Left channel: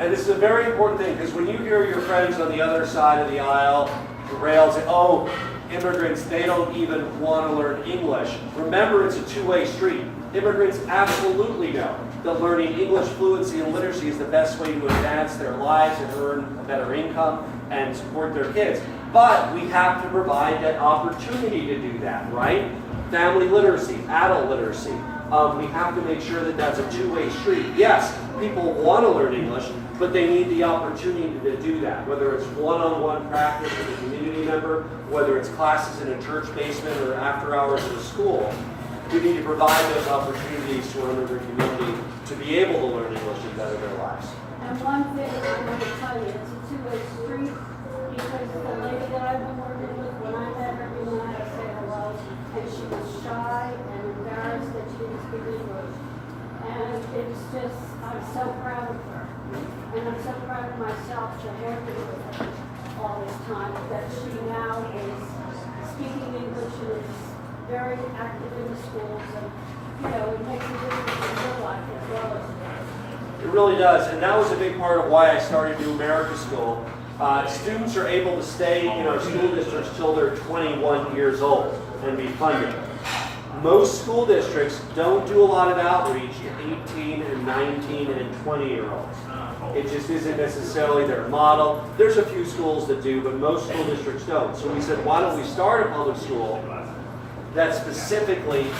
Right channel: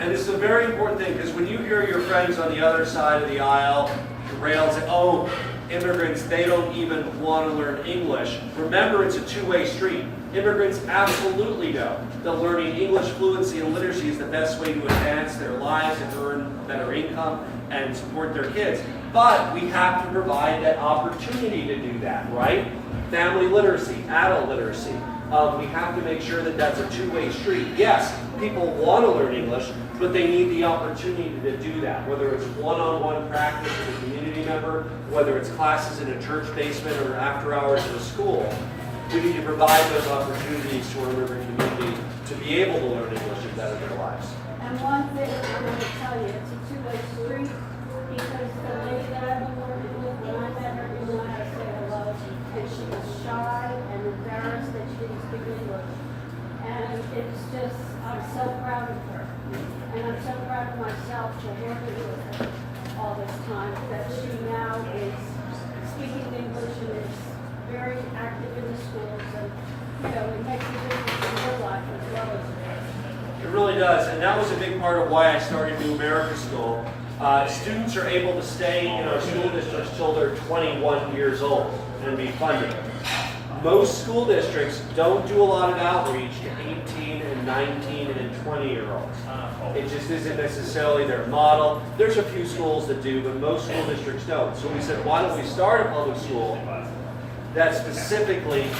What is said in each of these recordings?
And this is a very important thing, because when you hear your friends on the other side of the aisle rail say, oh, immigrants, they don't even want to learn English. Remember, it's a two-way street. Immigrants absolutely know that learning English fluency and literacy is the best way to advance their lives and earn better income and support their kids. But we have to provide that opportunity to do that, right? Family literacy, adult literacy. We have to make sure that that's a two-way street. Yes, people want to learn English, but they need the opportunity to do that, whether it's one-on-one practice with a community member, whether it's classes in a church basement or after hours at a school. We need to provide those opportunities to our immigrant community to be able to learn English and better their lives. And one thing I'm going to tell you, it's a two-way street, because the lady that I've been working with, when I met her, didn't know how to say hello, and she was shy and embarrassed that she didn't speak English. And it's just, I'm so proud of her. And I'm so proud of myself to have been with her all this time, that she now is speaking English and is very active in the schools, and, you know, it makes a difference in her life as well as theirs. It really does, and that was a big part of why I started New America School. Students are able to stay in our school districts till they're 21 years old and be funded. Most school districts don't do a lot of outreach to 18 and 19 and 20-year-olds. It just isn't necessarily their model. There's a few schools that do, but most school districts don't. So we said, why don't we start a public school that specifically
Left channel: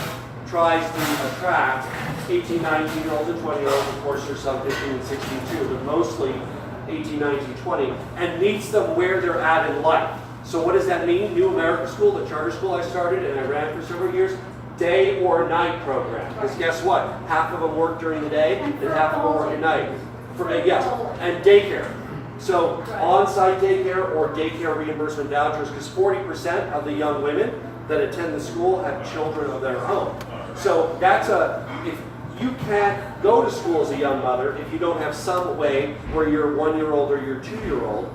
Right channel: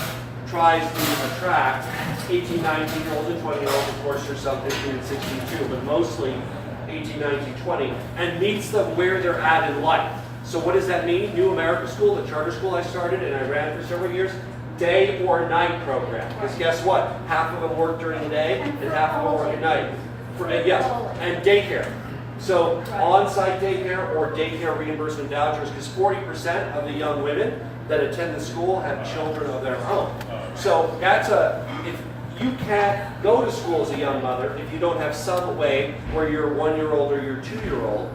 tries to attract 18, 19-year-olds and 20-year-olds. Of course, there's some 15 and 16 too, but mostly 18, 19, 20, and meets them where they're at in life. So what does that mean? New America School, the charter school I started and I ran for several years, day or night program. Because guess what? Half of them work during the day and half of them work at night. Yes, and daycare. So on-site daycare or daycare reimbursement vouchers, because 40% of the young women that attend the school have children of their own. So that's if you can't go to school as a young mother if you don't have some way where your 1-year-old or your 2-year-old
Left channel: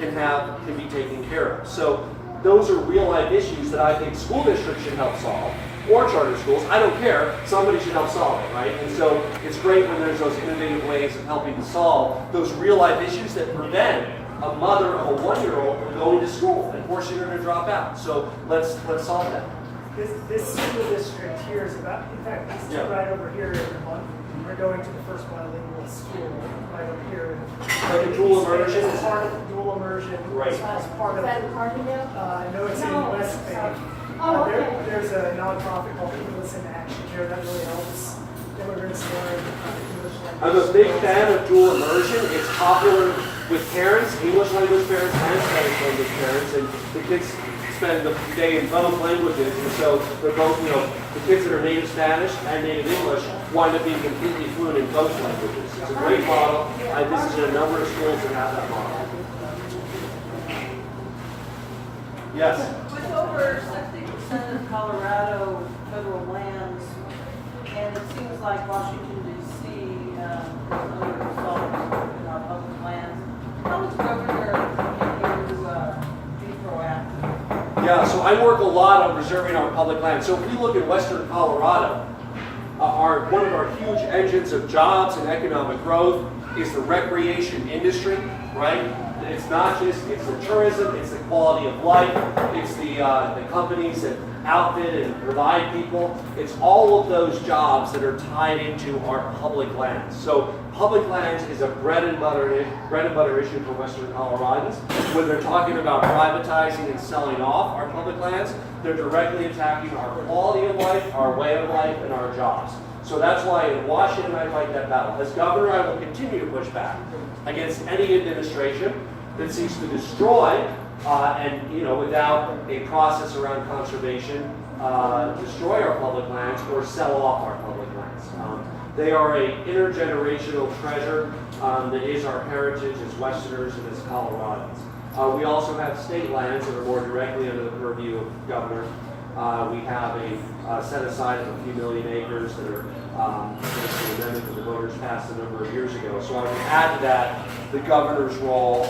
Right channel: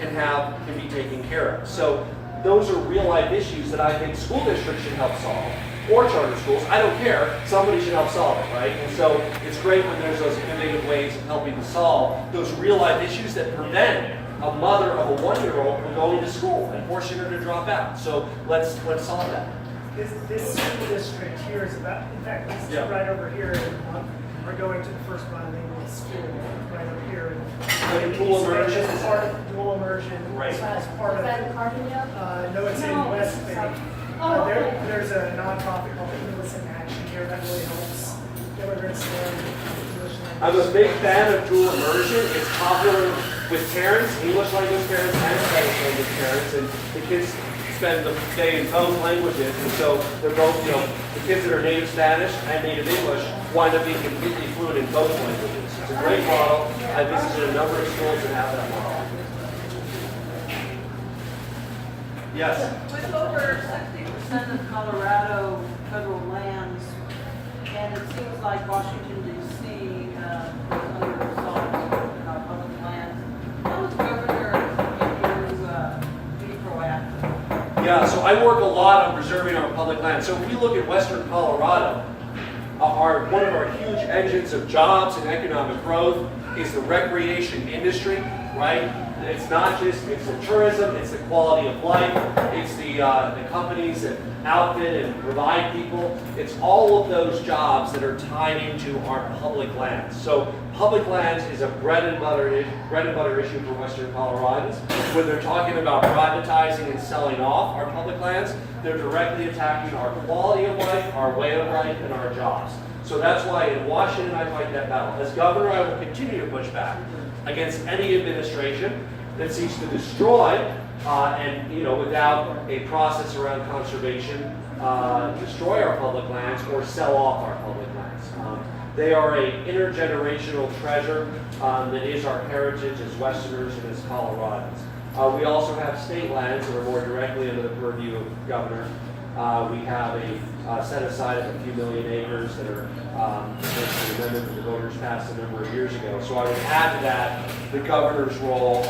can be taken care of. So those are real life issues that I think school districts should help solve, or charter schools. I don't care. Somebody should help solve it, right? And so it's great when there's those innovative ways of helping to solve those real life issues that prevent a mother of a 1-year-old from going to school and forcing her to drop out. So let's solve that. This school district here is about, in fact, this is right over here in Vermont. We're going to the first bilingual school right over here. Like a dual immersion? It's part of dual immersion. Right. It's part of, that in Carbondale? no, it's in West Bay. Oh, okay. There's a nonprofit called Polis in Action here that really helps immigrants learn English language. I'm a big fan of dual immersion. It's popular with parents, English language parents and Spanish language parents, and the kids spend the day in both languages, and so they're both, the kids that are native Spanish and native English wind up being completely fluent in both languages. It's a great model. I visited a number of schools that have that model. Yes? With over 60% of Colorado federal lands, and it seems like Washington, D.C., other results about public lands, how is Governor looking to be proactive? Yeah, so I work a lot on preserving our public land. So if you look at western Colorado, one of our huge engines of jobs and economic growth is the recreation industry, right? It's not just, it's the tourism, it's the quality of life, it's the companies that outfit and provide people. It's all of those jobs that are tied into our public lands. So public lands is a bread and butter issue for Western Coloradans. When they're talking about privatizing and selling off our public lands, they're directly attacking our quality of life, our way of life, and our jobs. So that's why in Washington I fight that battle. As governor, I will continue to push back against any administration that seeks to destroy without a process around conservation, destroy our public lands or sell off our public lands. They are an intergenerational treasure that is our heritage as Westerners and as Coloradans. We also have state lands that are more directly under the purview of governor. We have a set aside of a few million acres that are against an amendment that the voters passed a number of years ago. So I would add to that the governor's role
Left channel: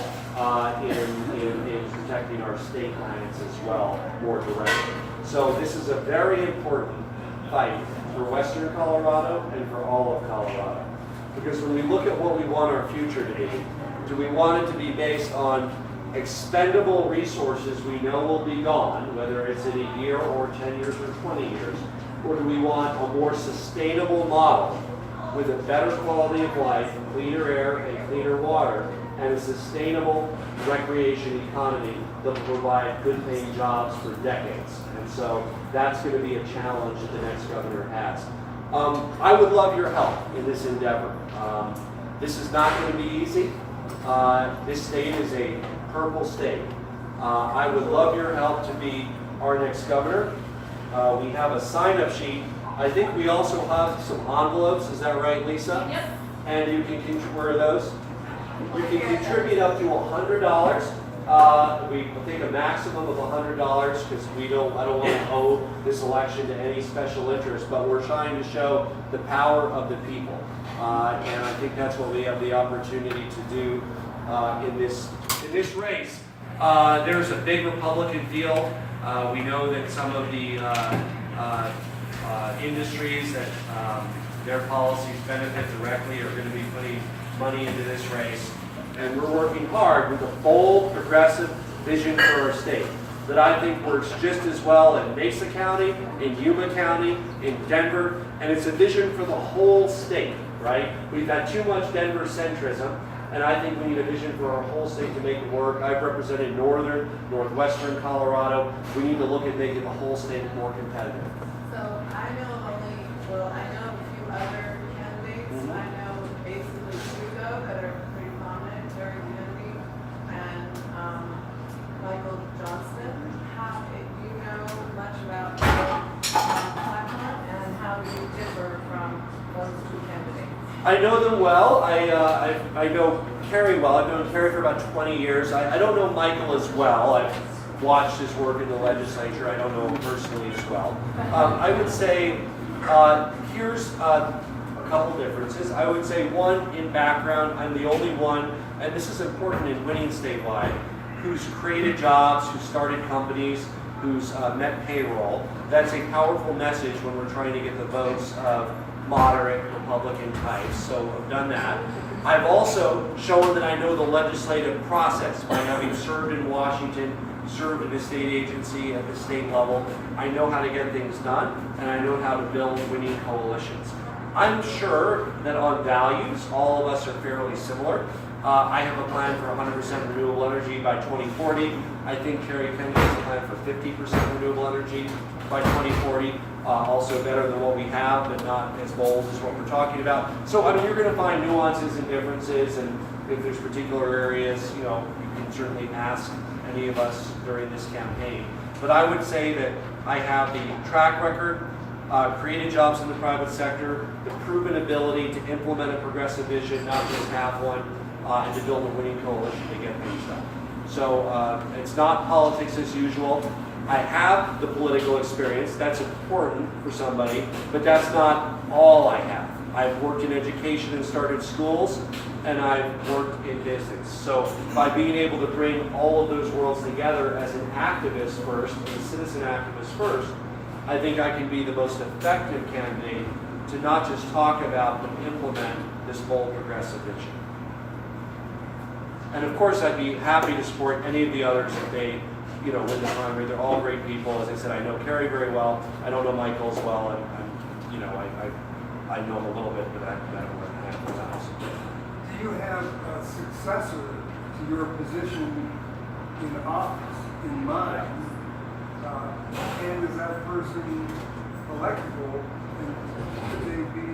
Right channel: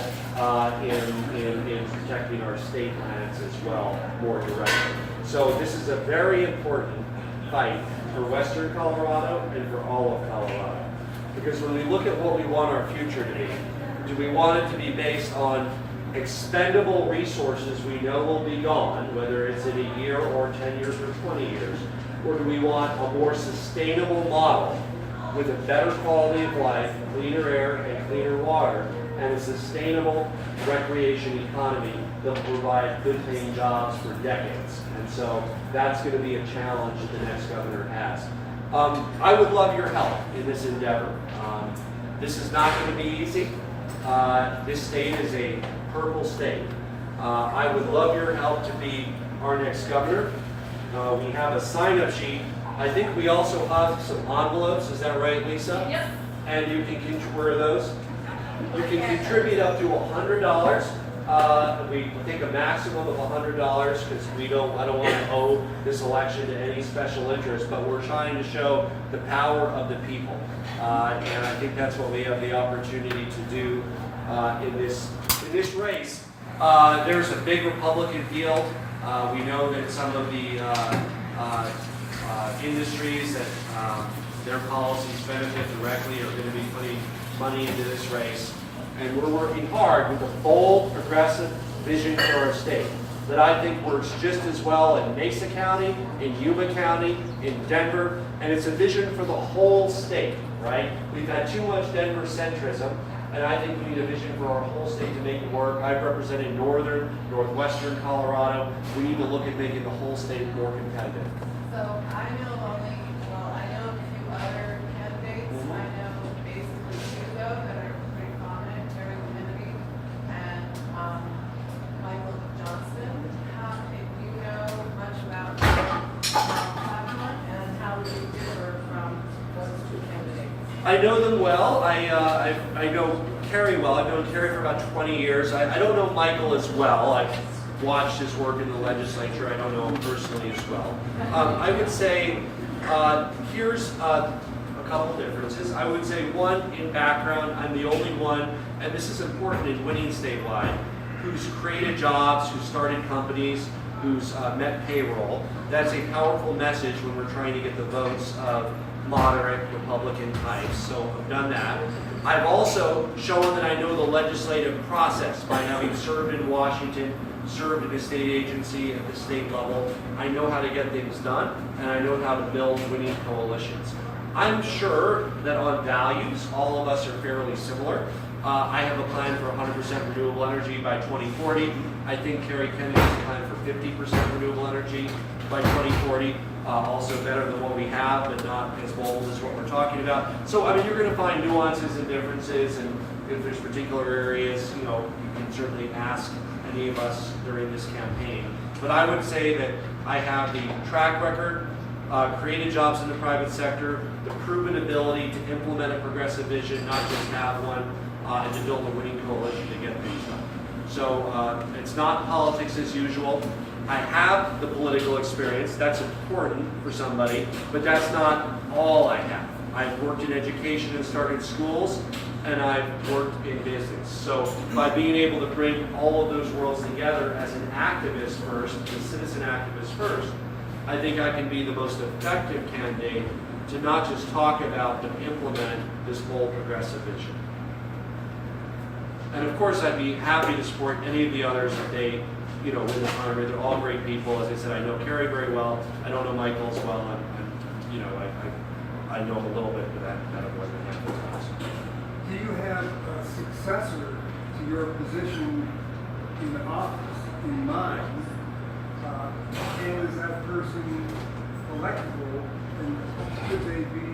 in protecting our state lands as well, more directly. So this is a very important fight for Western Colorado and for all of Colorado. Because when we look at what we want our future to be, do we want it to be based on expendable resources we know will be gone, whether it's in a year or 10 years or 20 years, or do we want a more sustainable model with a better quality of life, cleaner air and cleaner water, and a sustainable recreation economy that will provide good paying jobs for decades? And so that's going to be a challenge that the next governor has. I would love your help in this endeavor. This is not going to be easy. This state is a purple state. I would love your help to be our next governor. We have a sign-up sheet. I think we also have some envelopes. Is that right, Lisa? Yep. And you can where are those? You can contribute up to $100. We take a maximum of $100 because I don't want to owe this election to any special interest, but we're trying to show the power of the people. And I think that's what we have the opportunity to do in this race. There's a big Republican field. We know that some of the industries that their policies benefit directly are going to be putting money into this race. And we're working hard with a bold, progressive vision for our state that I think works just as well in Mesa County, in Yuma County, in Denver, and it's a vision for the whole state, right? We've had too much Denver centrism, and I think we need a vision for our whole state to make it work. I've represented northern, northwestern Colorado. We need to look at making the whole state more competitive. So I know a few other candidates. I know basically two though that are pretty prominent, Terry Kennedy and Michael Johnston. Do you know much about Pt1 and how do you differ from those two candidates? I know them well. I know Kerry well. I've known Kerry for about 20 years. I don't know Michael as well. I've watched his work in the legislature. I don't know him personally as well. I would say here's a couple differences. I would say one, in background, I'm the only one, and this is important in winning statewide, who's created jobs, who's started companies, who's met payroll. That's a powerful message when we're trying to get the votes of moderate Republican types, so I've done that. I've also shown that I know the legislative process by having served in Washington, served in a state agency at the state level. I know how to get things done, and I know how to build winning coalitions. I'm sure that on values, all of us are fairly similar. I have a plan for 100% renewable energy by 2040. I think Kerry Kennedy has a plan for 50% renewable energy by 2040. Also better than what we have, but not as bold as what we're talking about. So, I mean, you're going to find nuances and differences, and if there's particular areas, you can certainly ask any of us during this campaign. But I would say that I have the track record, created jobs in the private sector, the proven ability to implement a progressive vision, not just have one, and to build a winning coalition to get things done. So it's not politics as usual. I have the political experience. That's important for somebody, but that's not all I have. I've worked in education and started schools, and I've worked in business. So by being able to bring all of those worlds together as an activist first, a citizen activist first, I think I can be the most effective candidate to not just talk about, but implement this bold progressive vision. And of course, I'd be happy to support any of the others if they win the primary. They're all great people. As I said, I know Kerry very well. I don't know Michael as well. I know him a little bit, but I've met him a handful of times. Do you have a successor to your position in office in mind? And is that person electable? And could they be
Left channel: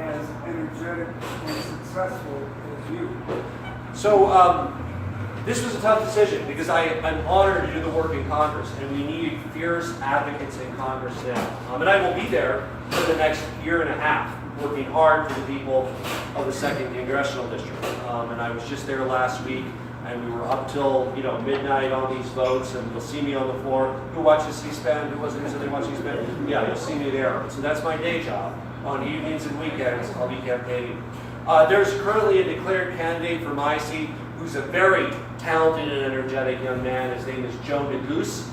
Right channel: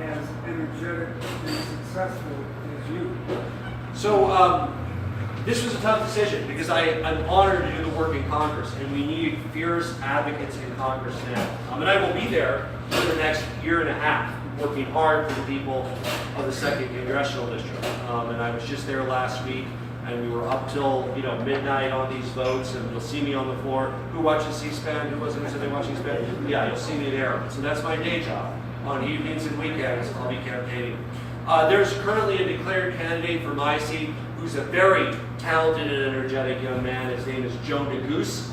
as energetic and successful as you? So this was a tough decision because I'm honored to do the work in Congress, and we need fierce advocates in Congress now. And I will be there for the next year and a half, working hard for the people of the 2nd Congressional District. And I was just there last week, and we were up till midnight on these votes, and you'll see me on the floor. Who watches C-SPAN? Who wasn't sitting watching C-SPAN? Yeah, you'll see me there. So that's my day job. On evenings and weekends, I'll be campaigning. There's currently a declared candidate for my seat who's a very talented and energetic young man. His name is Joe Neguse.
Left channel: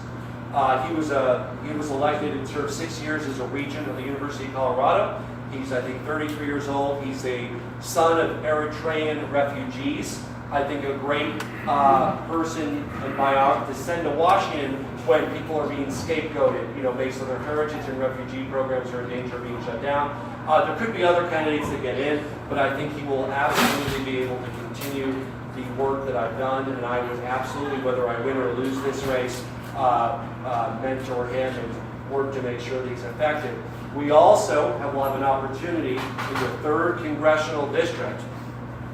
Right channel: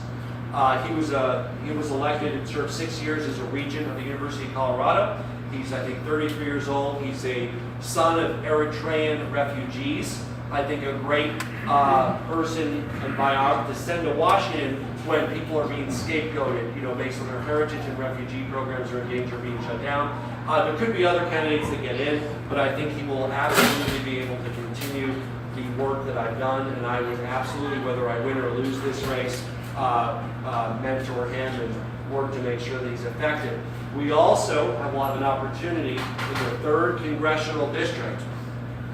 He was elected and served 6 years as a regent of the University of Colorado. He's, I think, 33 years old. He's a son of Eritrean refugees. I think a great person and biographer to send to Washington when people are being scapegoated, based on their heritage, and refugee programs are in danger of being shut down. There could be other candidates that get in, but I think he will absolutely be able to continue the work that I've done, and I would absolutely, whether I win or lose this race, mentor him and work to make sure that he's effective. We also have an opportunity in the 3rd Congressional District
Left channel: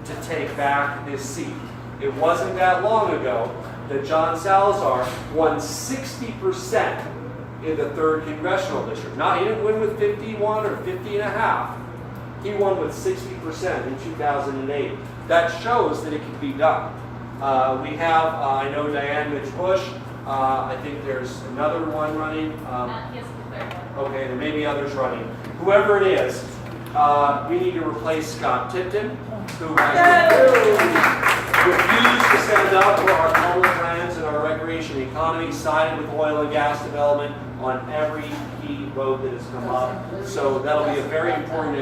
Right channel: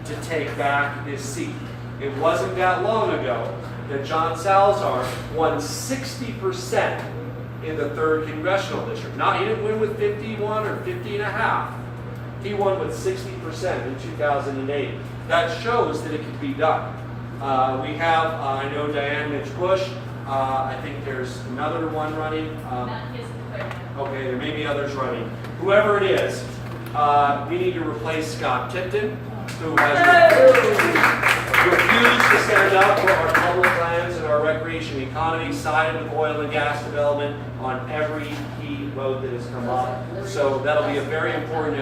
to take back this seat. It wasn't that long ago that John Salazar won 60% in the 3rd Congressional District. He didn't win with 51 or 50 and a half. He won with 60% in 2008. That shows that it can be done. We have, I know Diane Mitch-Bush. I think there's another one running. Okay, there may be others running. Whoever it is, we need to replace Scott Tipton, who has refused to stand up for our public lands and our recreation economy, sided with oil and gas development on every key road that has come up. So that'll be a very important,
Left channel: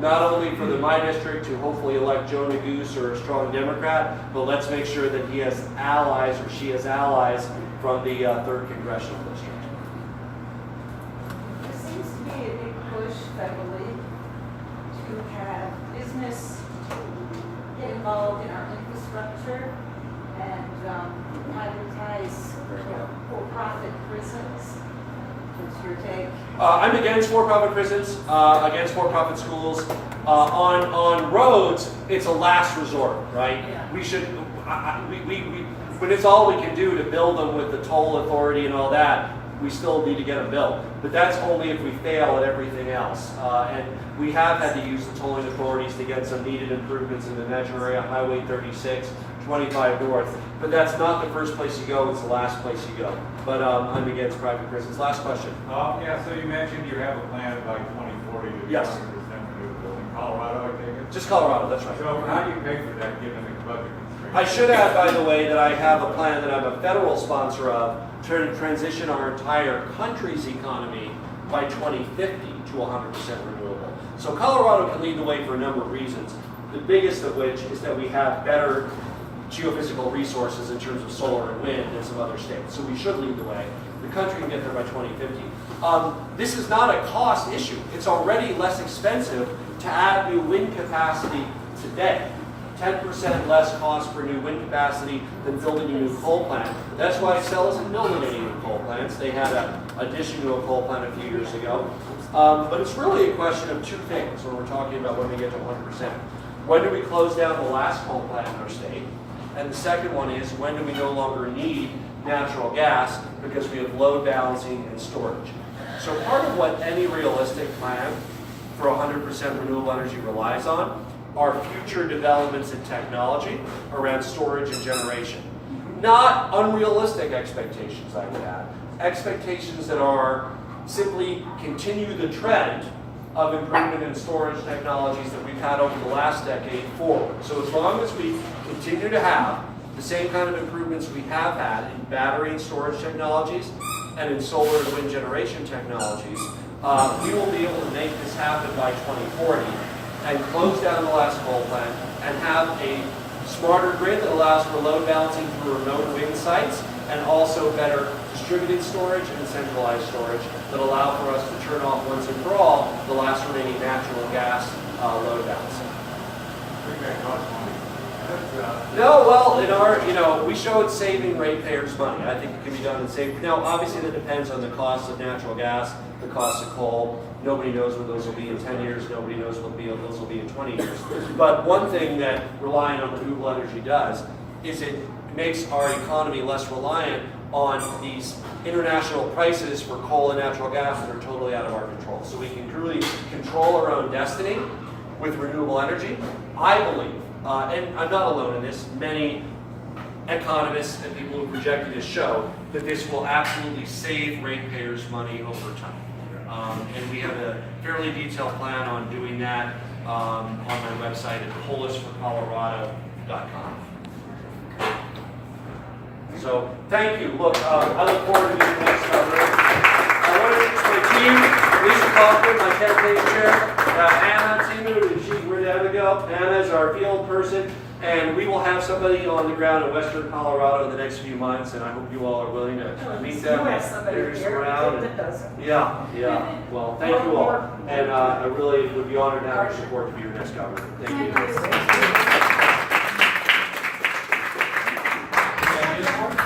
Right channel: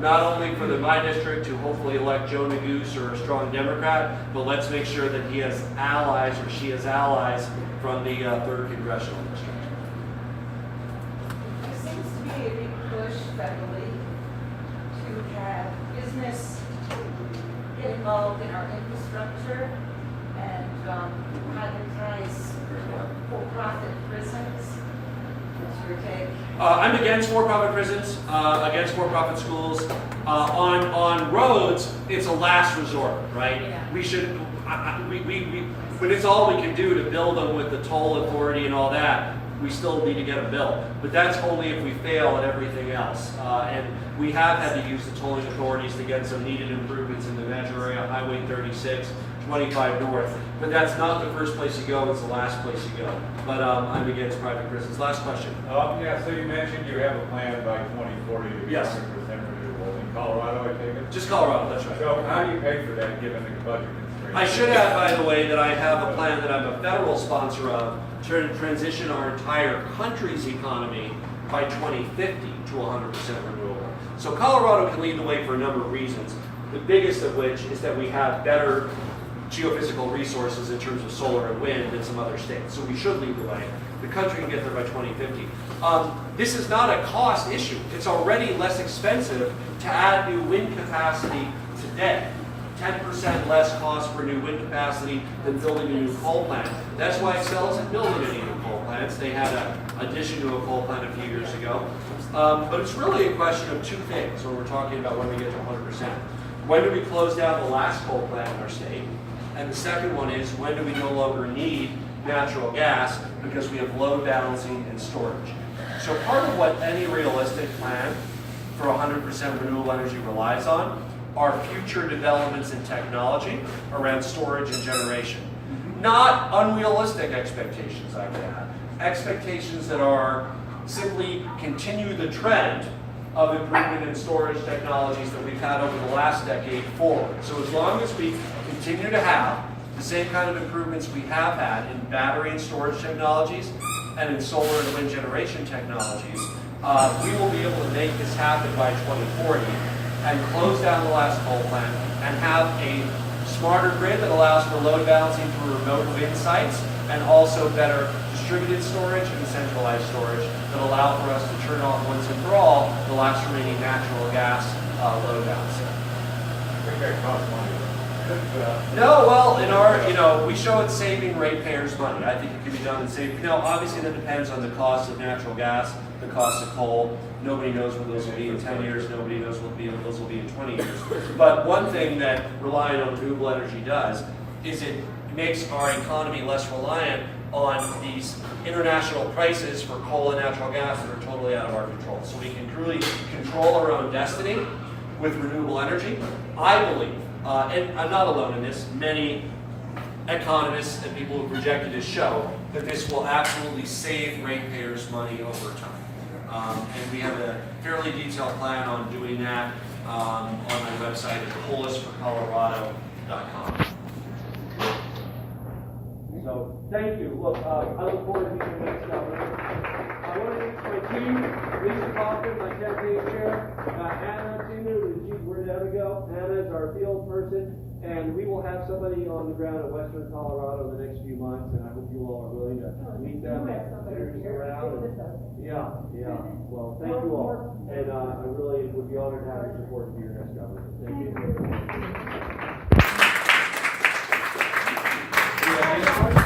not only for my district to hopefully elect Joe Neguse or a strong Democrat, but let's make sure that he has allies or she has allies from the 3rd Congressional District. There seems to be a big push federally to have business involved in our infrastructure and privatize for-profit prisons. What's your take? I'm against for-profit prisons, against for-profit schools. On roads, it's a last resort, right? Yeah. We should, when it's all we can do to build them with the toll authority and all that, we still need to get them built. But that's only if we fail at everything else. And we have had to use the tolling authorities to get some needed improvements in the metro area, Highway 36, 25 North. But that's not the first place you go, it's the last place you go. But I'm against private prisons. Last question. Yeah, so you mentioned you have a plan by 2040 to be 100% Yes. renewable in Colorado, I take it? Just Colorado, that's right. So how do you pay for that given the budget constraints? I should add, by the way, that I have a plan that I'm a federal sponsor of to transition our entire country's economy by 2050 to 100% renewable. So Colorado can lead the way for a number of reasons. The biggest of which is that we have better geophysical resources in terms of solar and wind than some other states. So we should lead the way. The country can get there by 2050. This is not a cost issue. It's already less expensive to add new wind capacity today. 10% less cost for new wind capacity than building a new coal plant. That's why Xcel isn't building any new coal plants. They had an addition to a coal plant a few years ago. But it's really a question of two things when we're talking about when we get to 100%. When do we close down the last coal plant in our state? And the second one is, when do we no longer need natural gas because we have load balancing and storage? So part of what any realistic plan for 100% renewable energy relies on are future developments in technology around storage and generation. Not unrealistic expectations, I would add. Expectations that are simply continue the trend of improvement in storage technologies that we've had over the last decade forward. So as long as we continue to have the same kind of improvements we have had in battery and storage technologies and in solar and wind generation technologies, we will be able to make this happen by 2040 and close down the last coal plant and have a smarter grid that allows for load balancing through remote wind sites and also better distributed storage and centralized storage that allow for us to turn off once and for all the last remaining natural gas load balancing. I think that costs money. No, well, in our, we show it saving ratepayers money. I think it can be done in saving. Now, obviously, that depends on the cost of natural gas, the cost of coal. Nobody knows what those will be in 10 years. Nobody knows what those will be in 20 years. But one thing that relying on renewable energy does is it makes our economy less reliant on these international prices for coal and natural gas that are totally out of our control. So we can truly control our own destiny with renewable energy. I believe, and I'm not alone in this, many economists and people who projected this show that this will absolutely save ratepayers money over time. And we have a fairly detailed plan on doing that on my website at polisforcolorado.com. So, thank you. Look, I look forward to meeting next governor. I want to introduce my team, Lisa Kaufman, my campaign chair, Anna Timu, where did Anna go? Anna is our field person, and we will have somebody on the ground in western Colorado in the next few months, and I hope you all are willing to meet them. Introduce them around. Yeah. Well, thank you all, and I really would be honored to have your support to be your next governor. Thank you.